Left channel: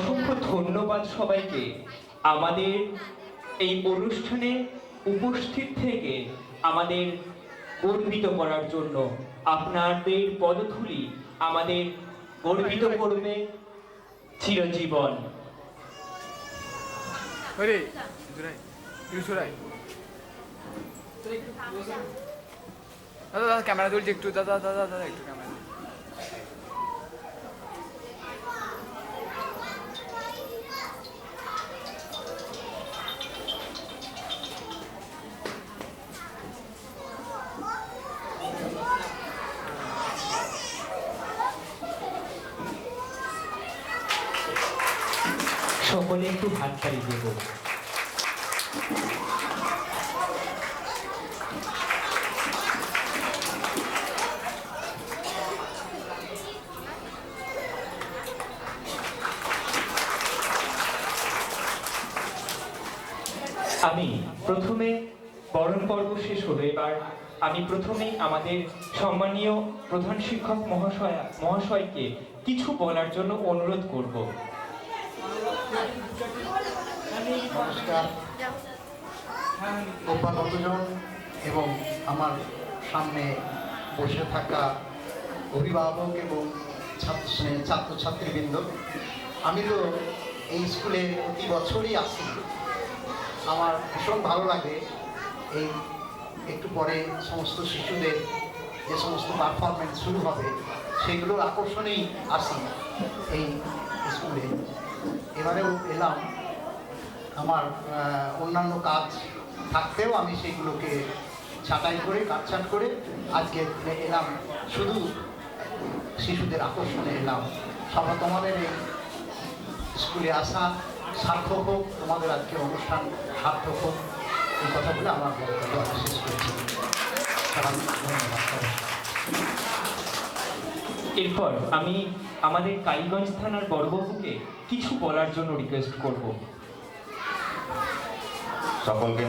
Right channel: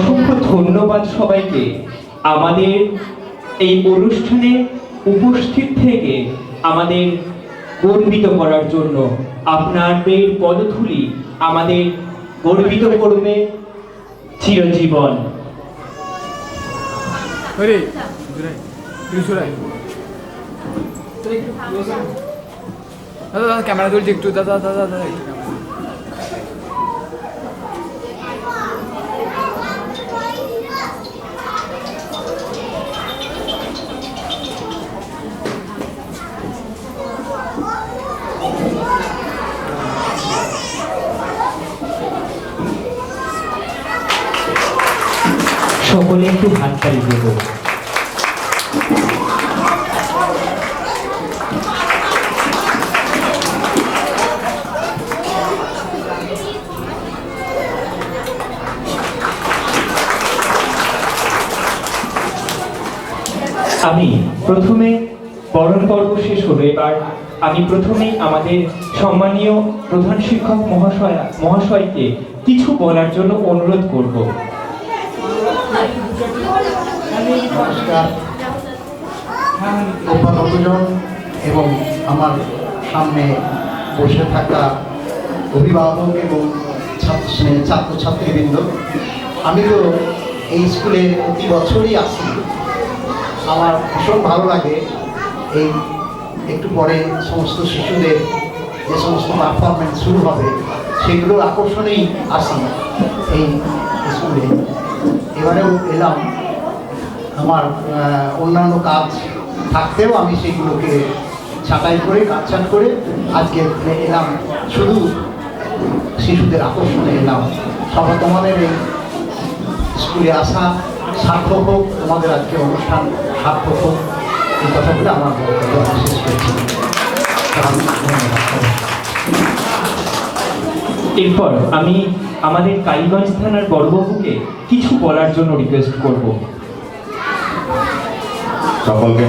অসংখ্য ধন্যবাদ সবাইকে আমাদের এই অনুষ্ঠানে উপস্থিত থেকে আমাদের গর্বিত করার জন্য। আপনাদের পদধূলি আমাদের গর্বিত করবে চিরজীবন। ক্যামেরা তুলছি একটু, দাদা দাদা দাদা একটু ক্যামেরা। সকলে একটু হাততালি দেব। আমি প্রথমে বরণ পর্ব শেষ হলো, এবার আমি প্রথমেই আমাদের সম্মানীয় প্রধান শিক্ষক মহাশয়কে কিছু বলার জন্য অনুরোধ করব। নমস্কার অভিভাবকজন এবং আমার সামনে বসে থাকা অভিভাবক এবং ছাত্রছাত্রীবৃন্দ, আমি তো এই স্কুলে প্রতি বছরই আসি। আমার ভীষণ ভালো লাগে এই একটু পরে সমস্ত শিশুদের যে সমস্ত পারফরমেন্স শুরু হবে সেগুলোর আকর্ষণেই আসি এই স্কুলে। এবারেও এলাম, আমার অন্যান্য কাজ থাকতেও আমি সেগুলোকে ছাঁটাই করে কাটছাঁট করে আজকে এলাম, শুধু শিশুদের আকর্ষণে এলাম। সবাই তোমাদের এই স্কুলে আসা সার্থক হোক, তোমাদের আজকে অনুষ্ঠান সার্থক হোক, এই কথা বলে আমার বক্তব্য শেষ করছি। এরপর আমি আমাদের কালীগঞ্জ থানার বড়বাবুকে কিছু বলার জন্য রিকোয়েস্ট করব। সকলকে